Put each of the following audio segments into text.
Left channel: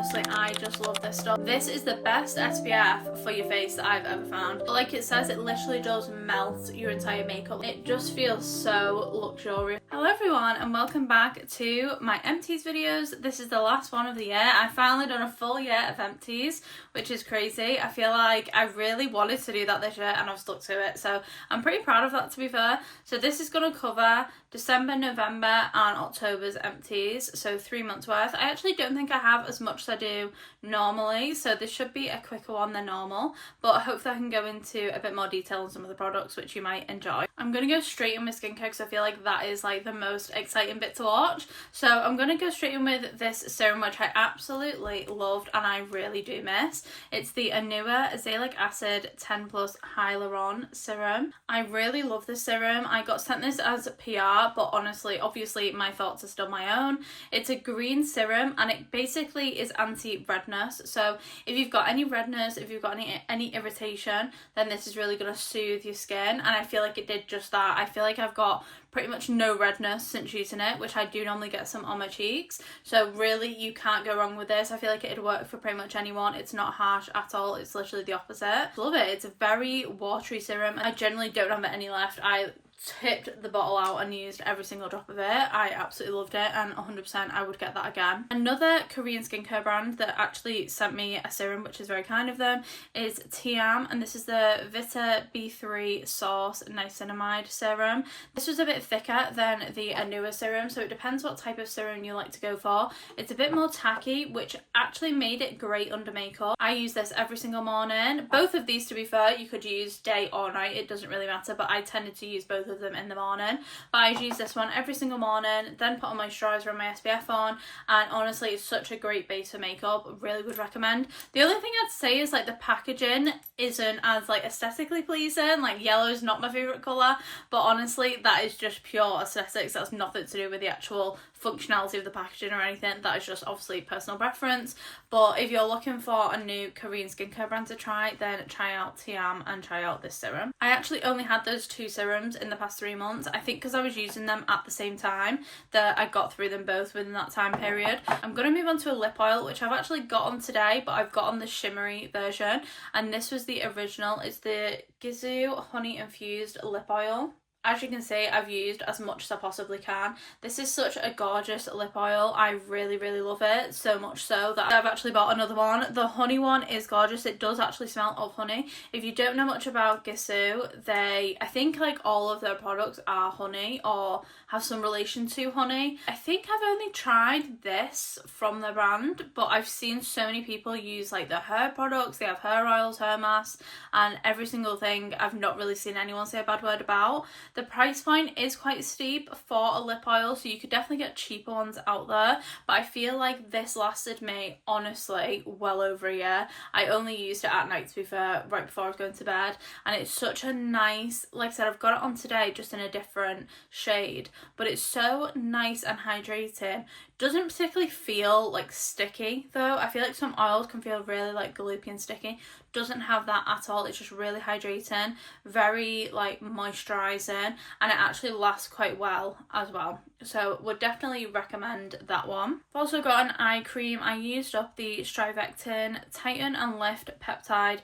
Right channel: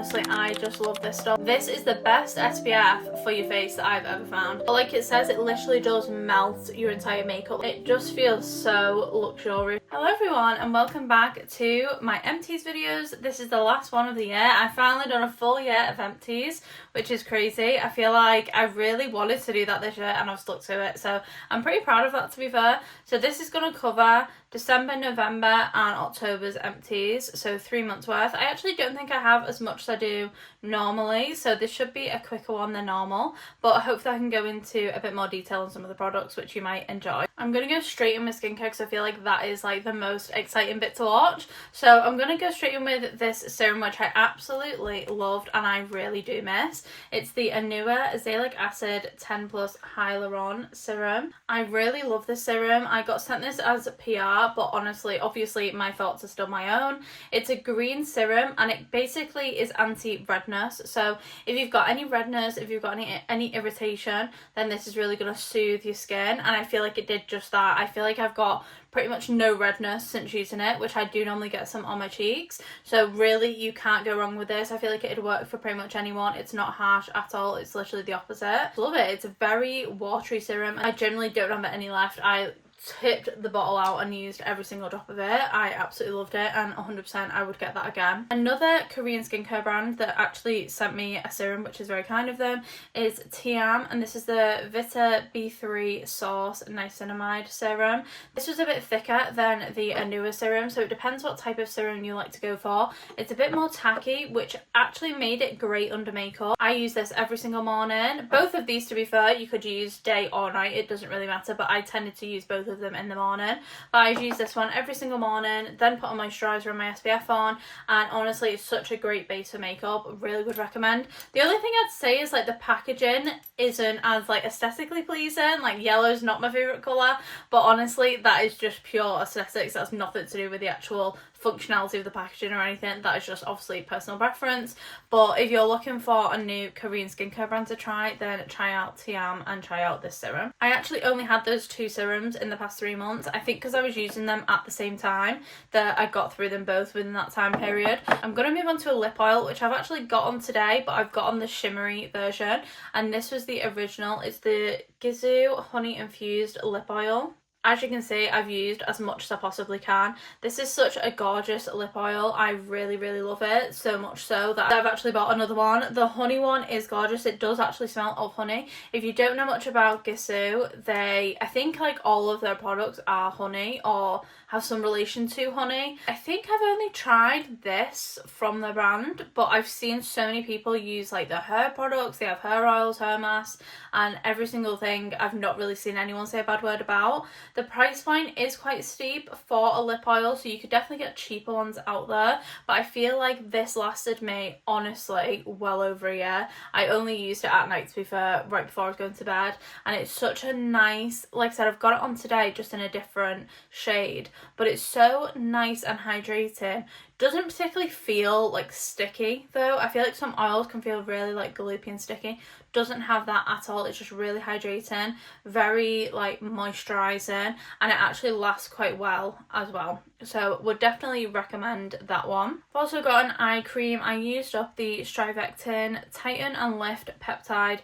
honestly, I just love this stuff. This is the best SPF for your face that I've ever found. But like it says, it literally does melt your entire makeup. It just feels so luxurious. Hello everyone and welcome back to my Empties videos. This is the last one of the year. I've finally done a full year of Empties, which is crazy. I feel like I really wanted to do that this year and I've stuck to it. So I'm pretty proud of that, to be fair. So this is going to cover December, November and October's Empties. So 3 months worth. I actually don't think I have as much as I do normally. So this should be a quicker one than normal. But hopefully I can go into a bit more detail on some of the products which you might enjoy. I'm going to go straight in with skincare because I feel like that is like the most exciting bit to watch. So I'm going to go straight in with this serum which I absolutely loved and I really do miss. It's the Anua Azelaic Acid 10 Plus Hyaluron Serum. I really love this serum. I got sent this as PR, but honestly, obviously my thoughts are still my own. It's a green serum and it basically is anti-redness. So if you've got any redness, if you've got any irritation, then this is really going to soothe your skin, and I feel like it did just that. I feel like I've got pretty much no redness since using it, which I do normally get some on my cheeks. So really you can't go wrong with this. I feel like it'd work for pretty much anyone. It's not harsh at all. It's literally the opposite. Love it. It's a very watery serum. I generally don't have any left. I tipped the bottle out and used every single drop of it. I absolutely loved it and 100% I would get that again. Another Korean skincare brand that actually sent me a serum, which is very kind of them, is Tiam, and this is the Vita B3 Source Niacinamide Serum. This was a bit thicker than the Anua serum, so it depends what type of serum you like to go for. It's a bit more tacky, which actually made it great under makeup. I use this every single morning. Both of these, to be fair, you could use day or night, it doesn't really matter, but I tended to use both of them in the morning. But I use this one every single morning, then put on moisturiser and my SPF on, and honestly it's such a great base for makeup. Really would recommend. The only thing I'd say is like the packaging isn't as like aesthetically pleasing. Like yellow's not my favourite colour, but honestly that is just pure aesthetics. That's nothing to do with the actual functionality of the packaging or anything. That is just obviously personal preference. But if you're looking for a new Korean skincare brand to try, then try out Tiam and try out this serum. I actually only had those two serums in the past 3 months. I think because I was using them at the same time that I got through them both within that time period. I'm going to move on to a lip oil, which I've actually got on today, but I've got on the shimmery version, and this was the original. It's the Gisou Honey Infused Lip Oil. As you can see, I've used as much as I possibly can. This is such a gorgeous lip oil. I really, really love it. So much so that I've actually bought another one. The honey one is gorgeous. It does actually smell of honey. If you don't know much about Gisou, I think like all of their products are honey or have some relation to honey. I think I've only tried this from the brand, but I've seen so many people use like their hair products. They have hair oils, hair masks, and every single thing I've not really seen anyone say a bad word about. The price point is quite steep for a lip oil, so you could definitely get cheaper ones out there, but I feel like this lasted me honestly well over a year. I only used it at night, to be fair, right before I was going to bed, and it's such a nice, like I said, I've got it on today just in a different shade, but it's so nice and hydrating. Doesn't particularly feel like sticky though. I feel like some oils can feel really like gloopy and sticky. Doesn't have that at all. It's just really hydrating, very like moisturising, and it actually lasts quite well as well. So would definitely recommend that one. I've also got an eye cream. I used up the Strivectin Tighten and Lift Peptide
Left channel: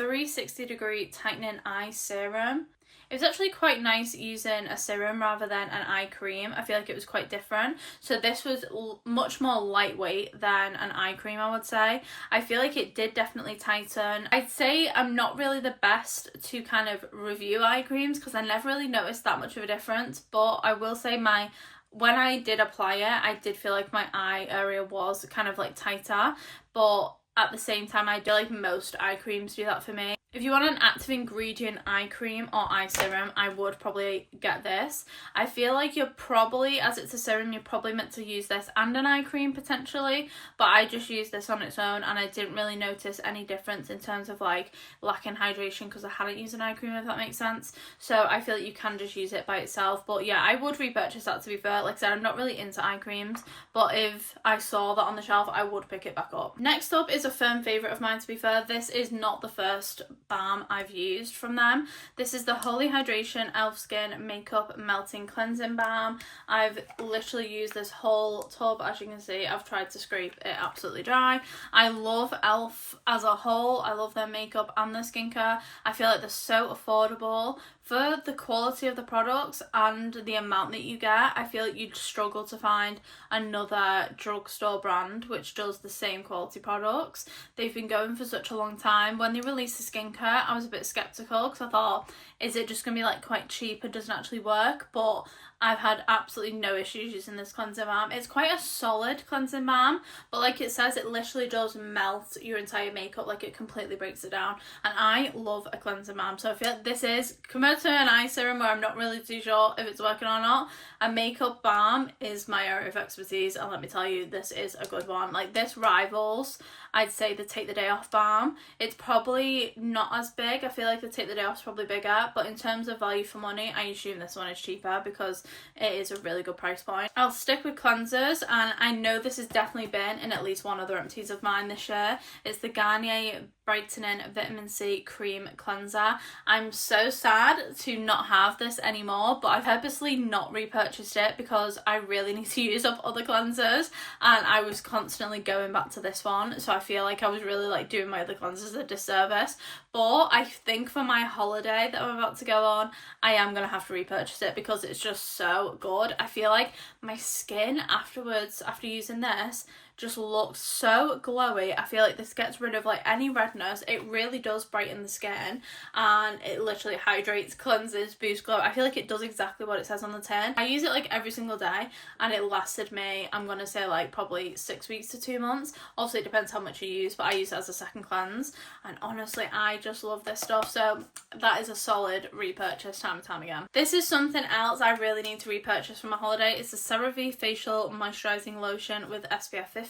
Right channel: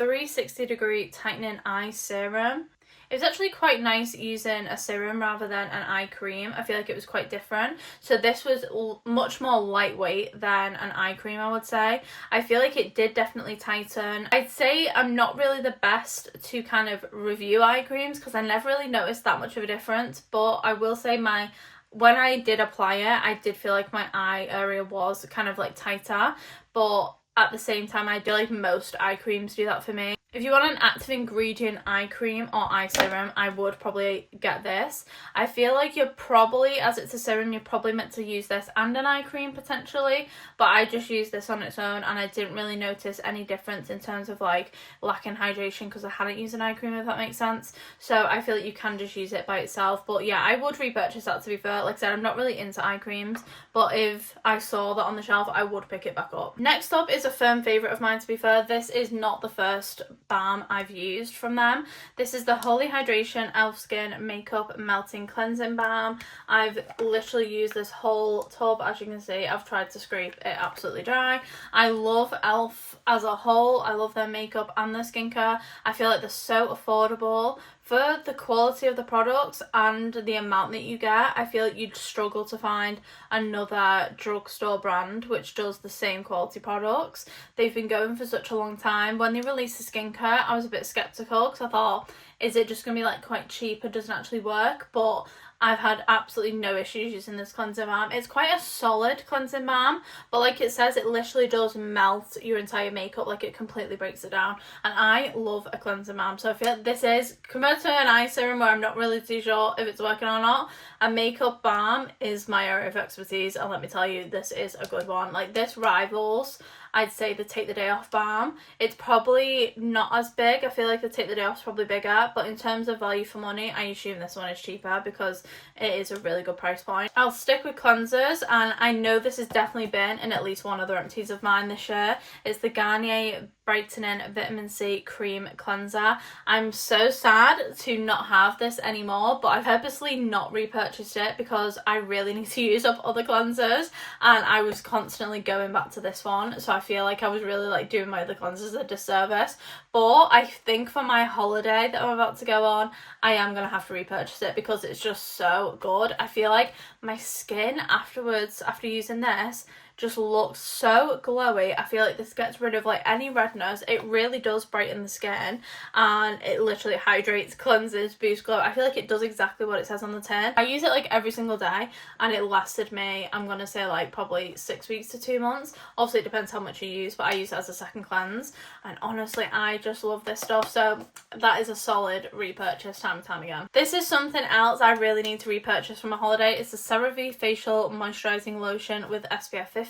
360-degree Tightening Eye Serum. It was actually quite nice using a serum rather than an eye cream. I feel like it was quite different. So this was much more lightweight than an eye cream, I would say. I feel like it did definitely tighten. I'd say I'm not really the best to kind of review eye creams because I never really noticed that much of a difference. But I will say when I did apply it, I did feel like my eye area was kind of like tighter. But at the same time, I feel like most eye creams do that for me. If you want an active ingredient eye cream or eye serum, I would probably get this. I feel like you're probably, as it's a serum, you're probably meant to use this and an eye cream potentially, but I just used this on its own and I didn't really notice any difference in terms of like lacking hydration because I hadn't used an eye cream, if that makes sense. So I feel like you can just use it by itself, but yeah, I would repurchase that, to be fair. Like I said, I'm not really into eye creams, but if I saw that on the shelf, I would pick it back up. Next up is a firm favourite of mine, to be fair. This is not the first balm I've used from them. This is the Holy Hydration Elf Skin Makeup Melting Cleansing Balm. I've literally used this whole tub. As you can see, I've tried to scrape it absolutely dry. I love Elf as a whole. I love their makeup and their skincare. I feel like they're so affordable. For the quality of the products and the amount that you get, I feel like you'd struggle to find another drugstore brand which does the same quality products. They've been going for such a long time. When they released the skincare, I was a bit skeptical because I thought, is it just going to be like quite cheap and doesn't actually work? But I've had absolutely no issues using this cleansing balm. It's quite a solid cleansing balm, but like it says, it literally does melt your entire makeup. Like, it completely breaks it down. And I love a cleansing balm, so I feel like this is, compared to an eye serum where I'm not really too sure if it's working or not, a makeup balm is my area of expertise, and let me tell you, this is a good one. Like, this rivals, I'd say, the Take the Day Off balm. It's probably not as big. I feel like the Take the Day Off is probably bigger, but in terms of value for money, I assume this one is cheaper because it is a really good price point. I'll stick with cleansers, and I know this has definitely been in at least one other empties of mine this year. It's the Garnier Brightening Vitamin C Cream Cleanser. I'm so sad to not have this anymore, but I've purposely not repurchased it because I really need to use up other cleansers, and I was constantly going back to this one, so I feel like I was really like doing my other cleansers a disservice. But I think for my holiday that I'm about to go on, I am going to have to repurchase it because it's just so good. I feel like my skin afterwards, after using this, just looks so glowy. I feel like this gets rid of like any redness. It really does brighten the skin, and it literally hydrates, cleanses, boosts glow. I feel like it does exactly what it says on the tin. I use it like every single day, and it lasted me, I'm gonna say, like probably 6 weeks to 2 months. Obviously it depends how much you use, but I use it as a second cleanse, and honestly I just love this stuff. So that is a solid repurchase time and time again. This is something else I really need to repurchase for my holiday. It's the CeraVe Facial Moisturising Lotion with SPF 50.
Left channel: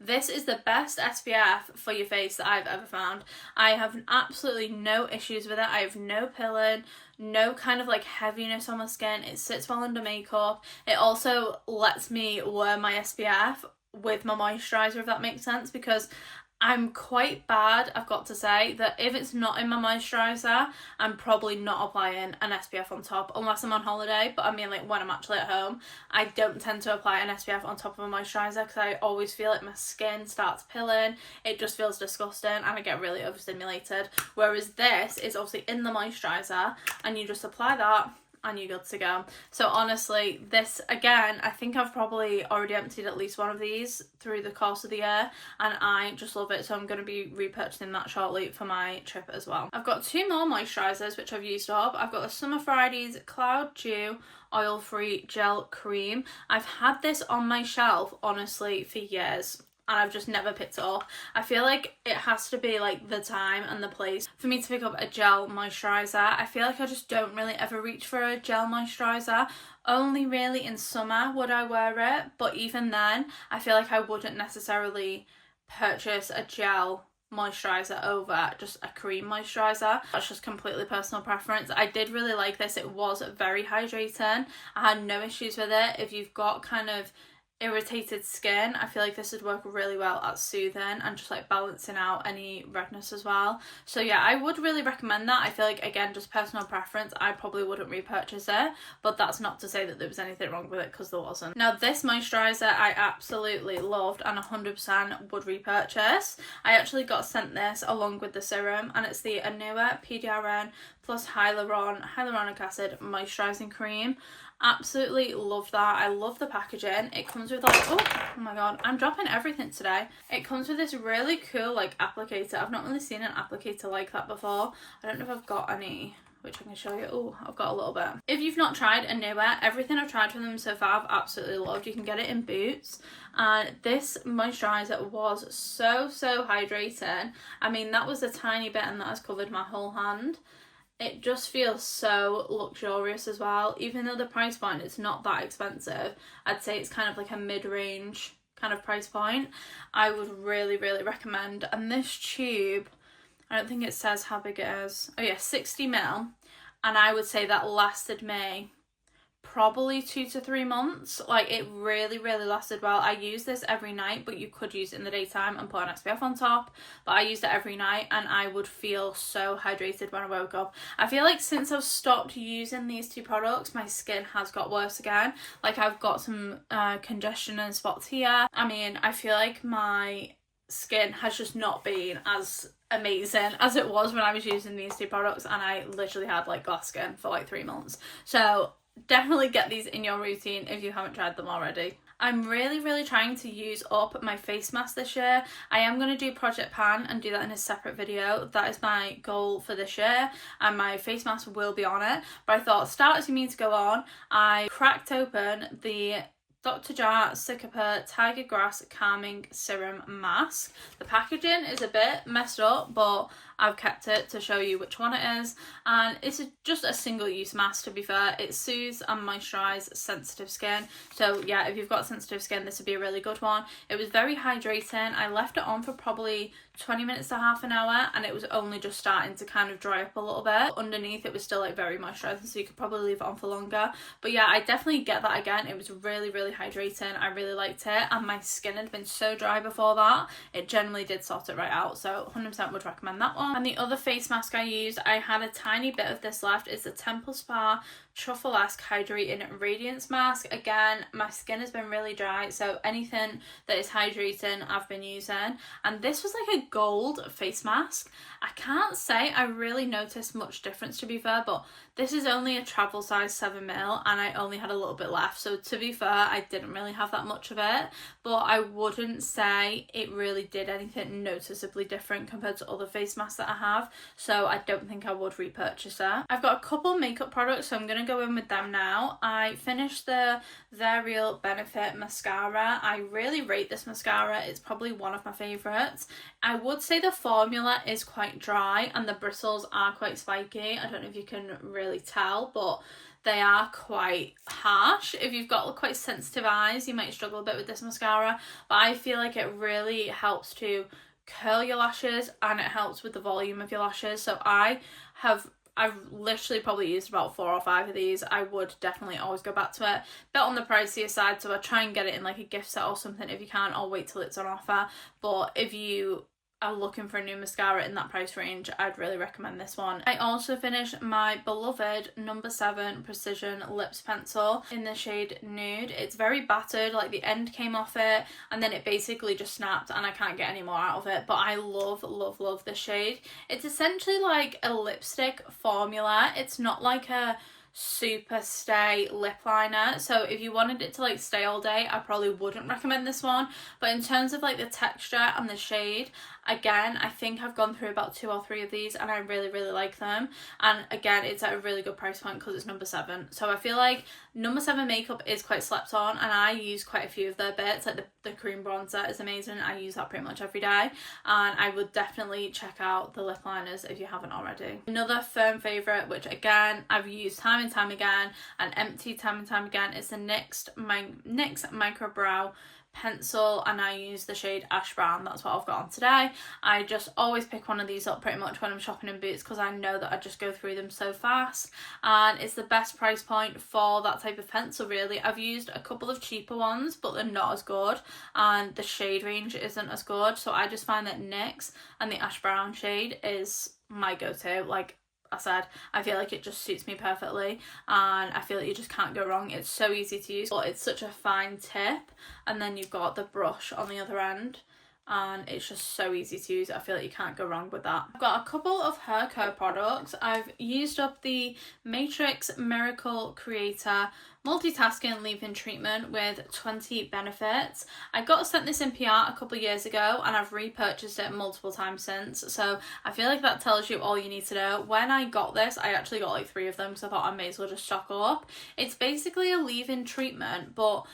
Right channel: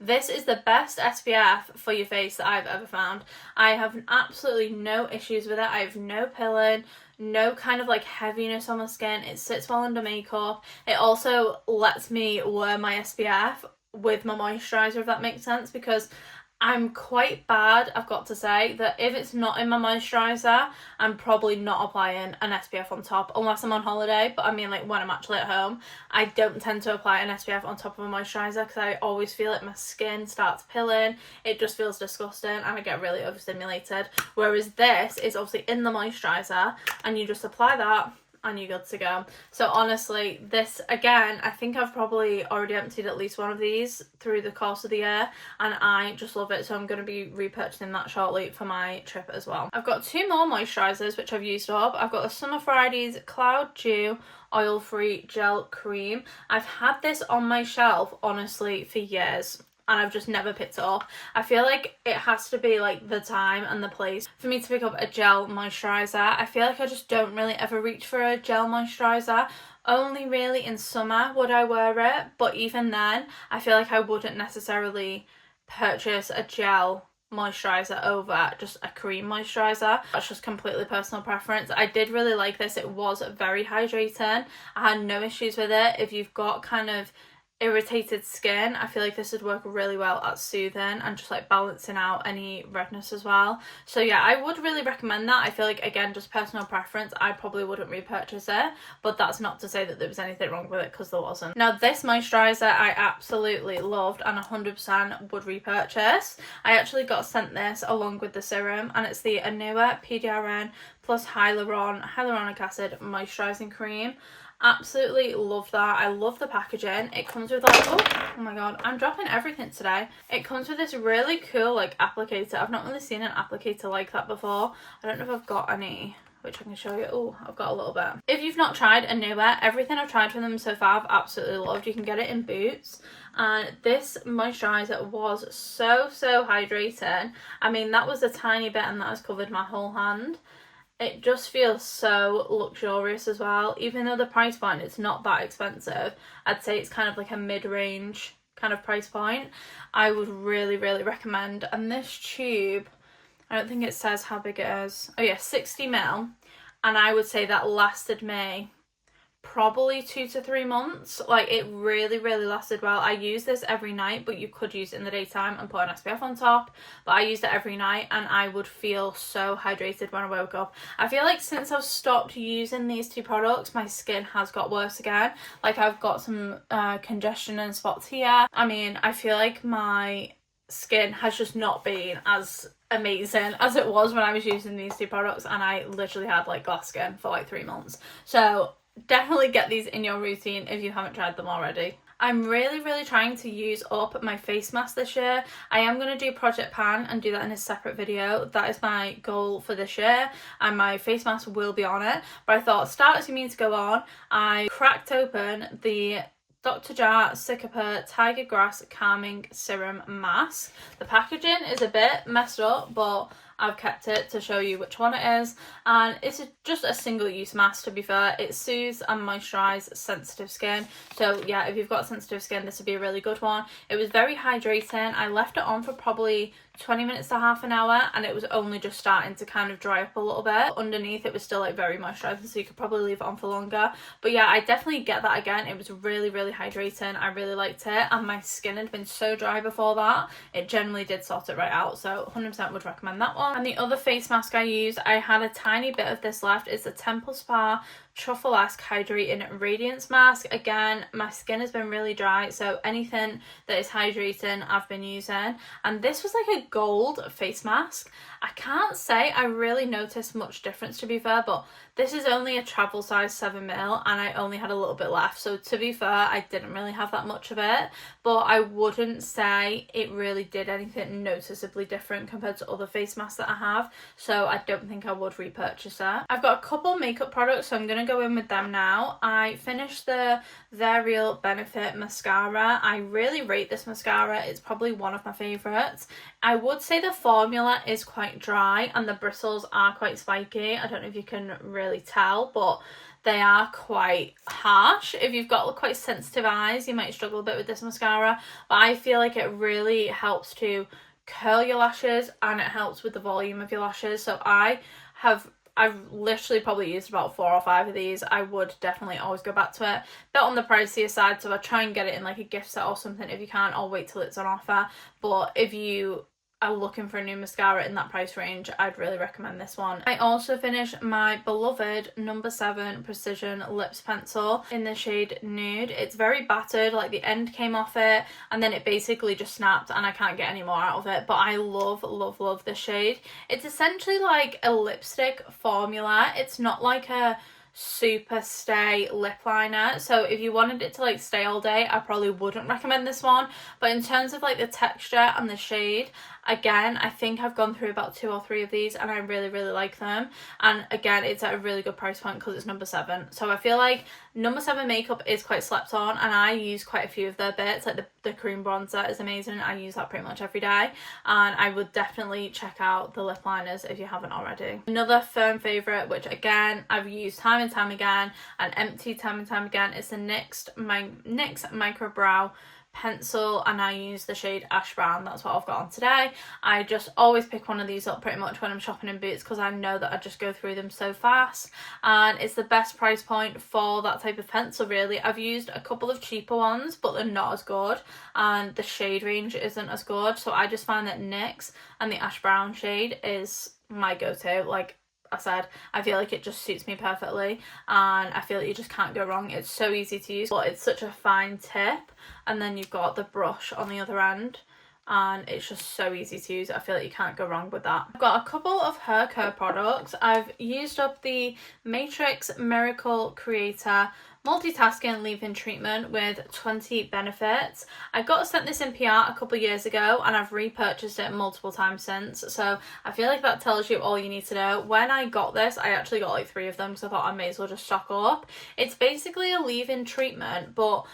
This is the best SPF for your face that I've ever found. I have absolutely no issues with it. I have no pilling, no kind of like heaviness on my skin. It sits well under makeup. It also lets me wear my SPF with my moisturiser, if that makes sense, because I'm quite bad, I've got to say, that if it's not in my moisturiser, I'm probably not applying an SPF on top, unless I'm on holiday. But I mean, like, when I'm actually at home, I don't tend to apply an SPF on top of a moisturiser because I always feel like my skin starts pilling. It just feels disgusting, and I get really overstimulated. Whereas this is obviously in the moisturiser, and you just apply that, and you're good to go. So honestly, this, again, I think I've probably already emptied at least one of these through the course of the year, and I just love it. So I'm going to be repurchasing that shortly for my trip as well. I've got two more moisturisers which I've used up. I've got the Summer Fridays Cloud Dew Oil-Free Gel Cream. I've had this on my shelf, honestly, for years, and I've just never picked it up. I feel like it has to be like the time and the place for me to pick up a gel moisturiser. I feel like I just don't really ever reach for a gel moisturiser. Only really in summer would I wear it, but even then I feel like I wouldn't necessarily purchase a gel moisturiser over just a cream moisturiser. That's just completely personal preference. I did really like this. It was very hydrating. I had no issues with it. If you've got kind of irritated skin, I feel like this would work really well at soothing and just like balancing out any redness as well. So yeah, I would really recommend that. I feel like, again, just personal preference, I probably wouldn't repurchase it, but that's not to say that there was anything wrong with it, because there wasn't. Now, this moisturiser I absolutely loved and 100% would repurchase. I actually got sent this along with the serum, and it's the Anua PDRN plus hyaluronic acid moisturising cream. Absolutely love that. I love the packaging. It comes with like, oh my god, I'm dropping everything today. It comes with this really cool like applicator. I've not really seen an applicator like that before. I don't know if I've got any, which I can show you. Oh, I've got a little bit. If you've not tried Anua, everything I've tried from them so far I've absolutely loved. You can get it in Boots, and this moisturiser was so hydrating. I mean, that was a tiny bit and that has covered my whole hand. It just feels so luxurious as well. Even though the price point is not that expensive, I'd say it's kind of like a mid-range kind of price point. I would really recommend. And this tube, I don't think it says how big it is. Oh yeah, 60 ml. And I would say that lasted me probably 2 to 3 months. Like, it really lasted well. I use this every night, but you could use it in the daytime and put an SPF on top, but I used it every night and I would feel so hydrated when I woke up. I feel like since I've stopped using these two products, my skin has got worse again. Like, I've got some congestion and spots here. I mean, I feel like my skin has just not been as amazing as it was when I was using these two products, and I literally had like glass skin for like 3 months. So definitely get these in your routine if you haven't tried them already. I'm really trying to use up my face mask this year. I am going to do Project Pan and do that in a separate video. That is my goal for this year, and my face mask will be on it. But I thought, start as you mean to go on. I cracked open the Dr. Jar Cicaper Tiger Grass Calming Serum Mask. The packaging is a bit messed up, but I've kept it to show you which one it is, and it's just a single use mask. To be fair, it soothes and moisturizes sensitive skin. So yeah, if you've got sensitive skin, this would be a really good one. It was very hydrating. I left it on for probably 20 minutes to half an hour, and it was only just starting to kind of dry up a little bit. Underneath it was still like very moisturizing, so you could probably leave it on for longer. But yeah, I definitely get that again. It was really hydrating. I really liked it, and my skin had been so dry before that, it generally did sort it right out. So 100% would recommend that one. And the other face mask I used, I had a tiny bit of this left, is the Temple Spa Truffle-esque Hydrating Radiance Mask. Again, my skin has been really dry, so anything that is hydrating I've been using. And this was like a gold face mask. I can't say I really noticed much difference, to be fair, but this is only a travel size 7ml and I only had a little bit left. So to be fair, I didn't really have that much of it, but I wouldn't say it really did anything noticeably different compared to other face masks that I have. So I don't think I would repurchase it. I've got a couple makeup products, so I'm going to go in with them now. I finished the Their Real Benefit mascara. I really rate this mascara. It's probably one of my favourites. I would say the formula is quite dry and the bristles are quite spiky. I don't know if you can really tell, but they are quite harsh. If you've got quite sensitive eyes, you might struggle a bit with this mascara, but I feel like it really helps to curl your lashes and it helps with the volume of your lashes. So I've literally probably used about 4 or 5 of these. I would definitely always go back to it. Bit on the pricier side, so I try and get it in like a gift set or something if you can, or wait till it's on offer. But if you are looking for a new mascara in that price range, I'd really recommend this one. I also finished my beloved number 7 Precision Lips Pencil in the shade Nude. It's very battered, like the end came off it and then it basically just snapped and I can't get any more out of it, but I love this shade. It's essentially like a lipstick formula. It's not like a super stay lip liner, so if you wanted it to like stay all day, I probably wouldn't recommend this one. But in terms of like the texture and the shade, again, I think I've gone through about 2 or 3 of these and I really like them. And again, it's at a really good price point because it's number 7. So I feel like number 7 makeup is quite slept on, and I use quite a few of their bits. Like the cream bronzer is amazing. I use that pretty much every day, and I would definitely check out the lip liners if you haven't already. Another firm favourite, which again I've used time and time again and emptied time and time again, is the NYX Micro Brow Pencil, and I use the shade Ash Brown. That's what I've got on today. I just always pick one of these up pretty much when I'm shopping in Boots because I know that I just go through them so fast, and it's the best price point for that type of pencil really. I've used a couple of cheaper ones, but they're not as good and the shade range isn't as good, so I just find that NYX and the Ash Brown shade is my go-to. Like I said, I feel like it just suits me perfectly and I feel like you just can't go wrong. It's so easy to use, but it's such a fine tip, and then you've got the brush on the other end and it's just so easy to use. I feel like you can't go wrong with that. I've got a couple of hair care products. I've used up the Matrix Miracle Creator Multitasking Leave-In Treatment with 20 benefits. I got sent this in PR a couple of years ago and I've repurchased it multiple times since, so I feel like that tells you all you need to know. When I got this, I actually got like 3 of them because I thought I may as well just stock up. It's basically a leave-in treatment, but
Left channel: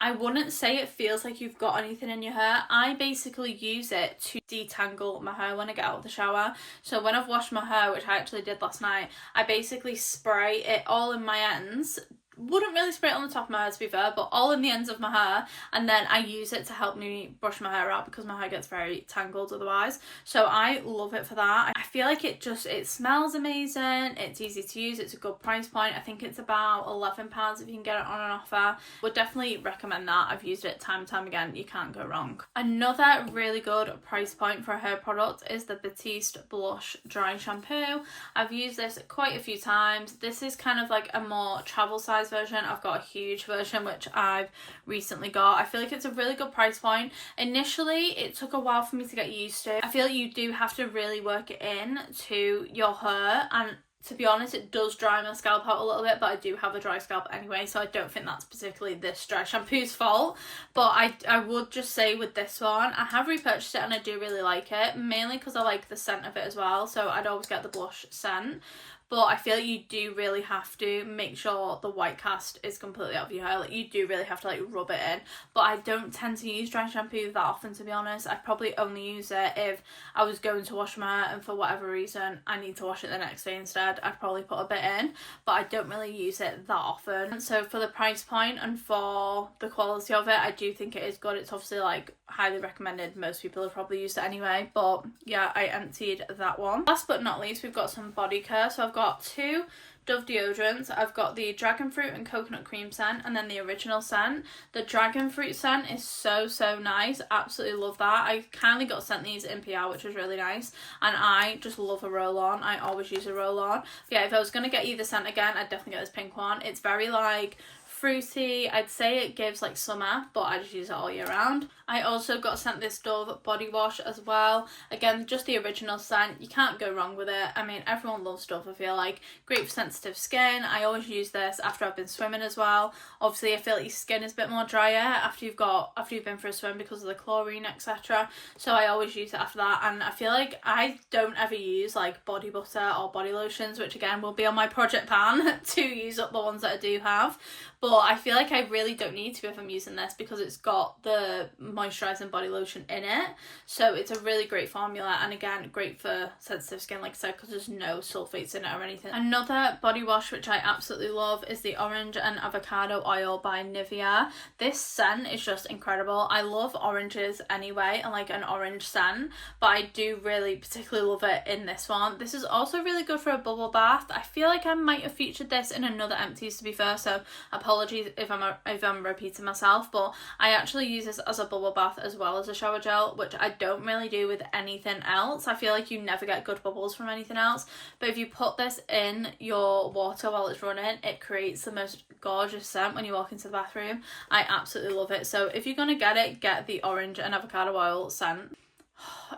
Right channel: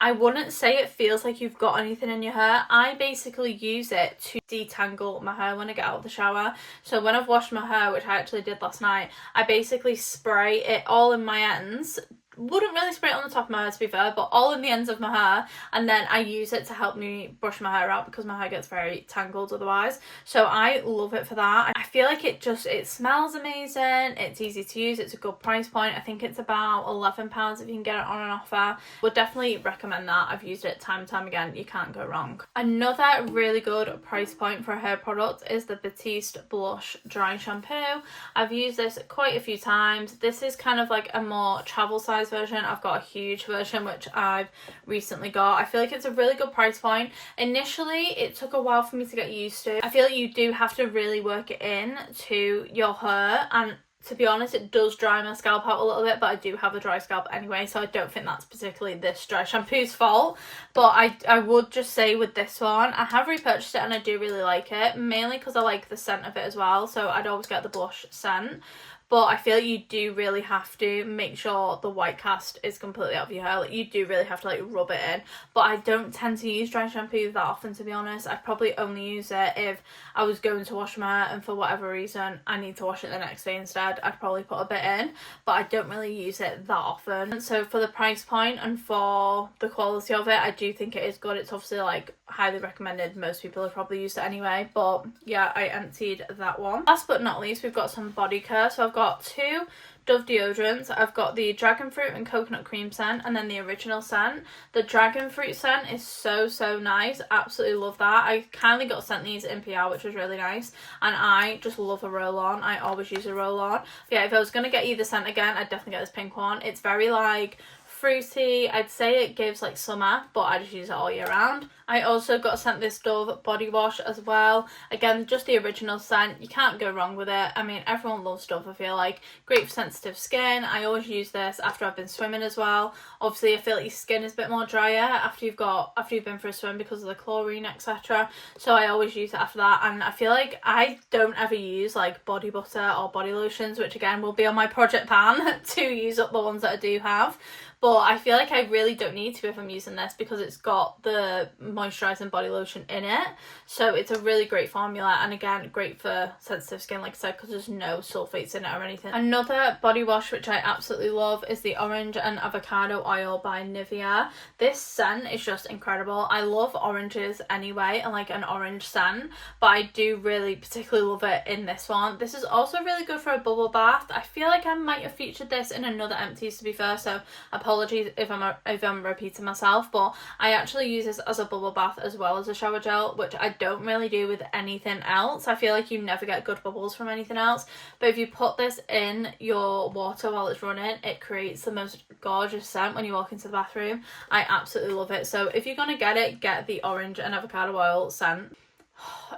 I wouldn't say it feels like you've got anything in your hair. I basically use it to detangle my hair when I get out of the shower. So when I've washed my hair, which I actually did last night, I basically spray it all in my ends, wouldn't really spray it on the top of my hair, to be fair, but all in the ends of my hair, and then I use it to help me brush my hair out because my hair gets very tangled otherwise. So I love it for that. I feel like it smells amazing, it's easy to use, it's a good price point. I think it's about £11 if you can get it on an offer. Would definitely recommend that. I've used it time and time again, you can't go wrong. Another really good price point for a hair product is the Batiste Blush Dry Shampoo. I've used this quite a few times. This is kind of like a more travel size version. I've got a huge version which I've recently got. I feel like it's a really good price point. Initially it took a while for me to get used to. I feel like you do have to really work it in to your hair, and to be honest, it does dry my scalp out a little bit, but I do have a dry scalp anyway, so I don't think that's particularly this dry shampoo's fault. But I would just say with this one, I have repurchased it and I do really like it, mainly because I like the scent of it as well, so I'd always get the blush scent. But I feel like you do really have to make sure the white cast is completely out of your hair. Like, you do really have to like rub it in. But I don't tend to use dry shampoo that often, to be honest. I probably only use it if I was going to wash my hair and for whatever reason I need to wash it the next day instead. I'd probably put a bit in, but I don't really use it that often. So for the price point and for the quality of it, I do think it is good. It's obviously like highly recommended. Most people have probably used it anyway, but yeah, I emptied that one. Last but not least, we've got some body care. So I've got two Dove deodorants. I've got the dragon fruit and coconut cream scent, and then the original scent. The dragon fruit scent is so nice. Absolutely love that. I kindly got sent these in PR, which was really nice, and I just love a roll on. I always use a roll on. But yeah, if I was going to get either scent again, I'd definitely get this pink one. It's very like fruity. I'd say it gives like summer, but I just use it all year round. I also got sent this Dove body wash as well. Again, just the original scent. You can't go wrong with it. I mean, everyone loves Dove, I feel like. Great for sensitive skin. I always use this after I've been swimming as well. Obviously, I feel like your skin is a bit more drier after you've been for a swim because of the chlorine, etc. So I always use it after that. And I feel like I don't ever use like body butter or body lotions, which again will be on my project pan to use up the ones that I do have. But I feel like I really don't need to if I'm using this because it's got the moisturising body lotion in it. So it's a really great formula, and again, great for sensitive skin, like I said, because there's no sulfates in it or anything. Another body wash which I absolutely love is the Orange and Avocado Oil by Nivea. This scent is just incredible. I love oranges anyway and like an orange scent, but I do really particularly love it in this one. This is also really good for a bubble bath. I feel like I might have featured this in another Empties, to be fair, so apologies if I'm repeating myself, but I actually use this as a bubble bath as well as a shower gel, which I don't really do with anything else. I feel like you never get good bubbles from anything else, but if you put this in your water while it's running, it creates the most gorgeous scent when you walk into the bathroom. I absolutely love it. So if you're gonna get it, get the Orange and Avocado Oil scent.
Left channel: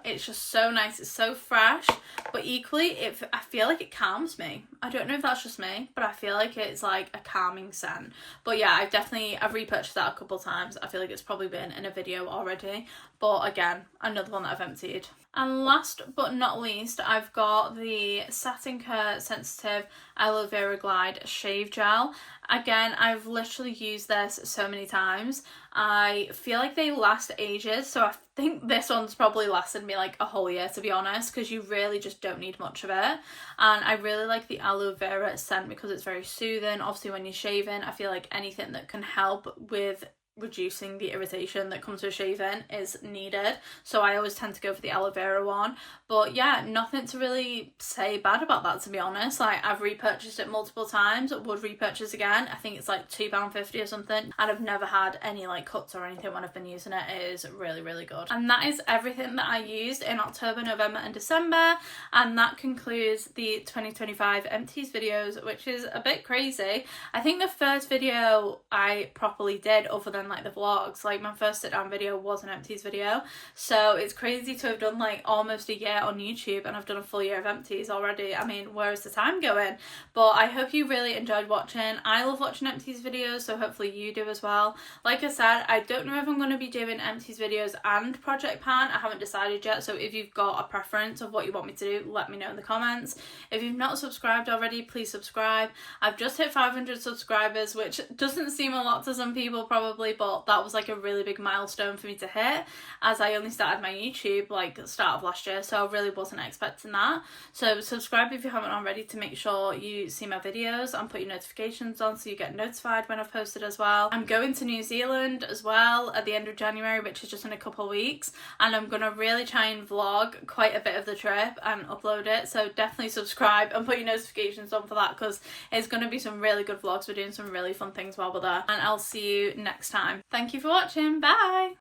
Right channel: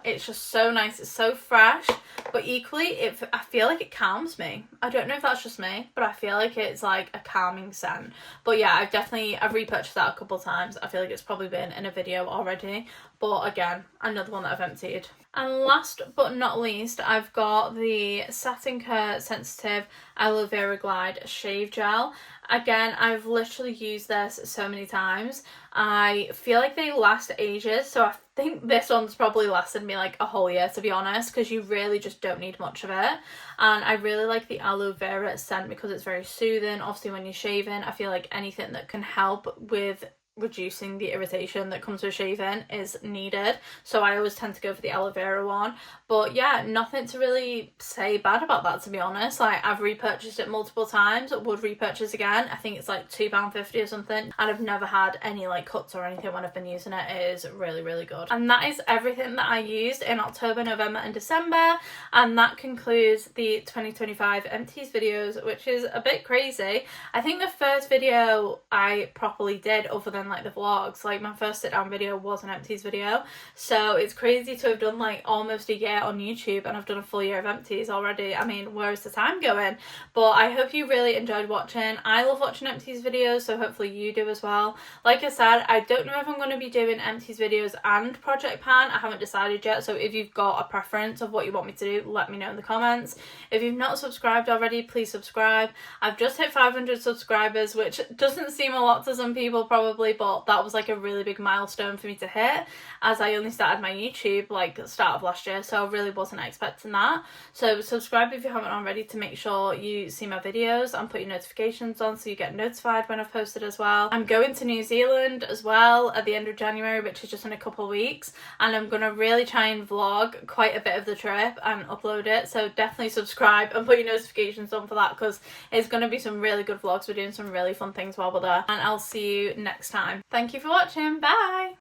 It's just so nice, it's so fresh, but equally I feel like it calms me. I don't know if that's just me, but I feel like it's like a calming scent. But yeah, I've repurchased that a couple times. I feel like it's probably been in a video already, but again, another one that I've emptied. And last but not least, I've got the Satin Care Sensitive Aloe Vera Glide Shave Gel. Again, I've literally used this so many times. I feel like they last ages, so I think this one's probably lasted me like a whole year, to be honest, because you really just don't need much of it. And I really like the aloe vera scent because it's very soothing. Obviously, when you're shaving, I feel like anything that can help with reducing the irritation that comes with shaving is needed, so I always tend to go for the aloe vera one. But yeah, nothing to really say bad about that, to be honest. Like, I've repurchased it multiple times, would repurchase again. I think it's like £2.50 or something, and I've never had any like cuts or anything when I've been using it. It is really good. And that is everything that I used in October, November and December, and that concludes the 2025 Empties videos, which is a bit crazy. I think the first video I properly did, other than like the vlogs, like my first sit down video was an Empties video, so it's crazy to have done like almost a year on YouTube and I've done a full year of Empties already. I mean, where is the time going? But I hope you really enjoyed watching. I love watching Empties videos, so hopefully you do as well. Like I said, I don't know if I'm going to be doing Empties videos and Project Pan. I haven't decided yet, so if you've got a preference of what you want me to do, let me know in the comments. If you've not subscribed already, please subscribe. I've just hit 500 subscribers, which doesn't seem a lot to some people probably, but that was like a really big milestone for me to hit, as I only started my YouTube like start of last year, so I really wasn't expecting that. So subscribe if you haven't already to make sure you see my videos and put your notifications on so you get notified when I've posted as well. I'm going to New Zealand as well at the end of January, which is just in a couple of weeks, and I'm gonna really try and vlog quite a bit of the trip and upload it, so definitely subscribe and put your notifications on for that, because it's gonna be some really good vlogs. We're doing some really fun things while we're there, and I'll see you next time. Thank you for watching. Bye.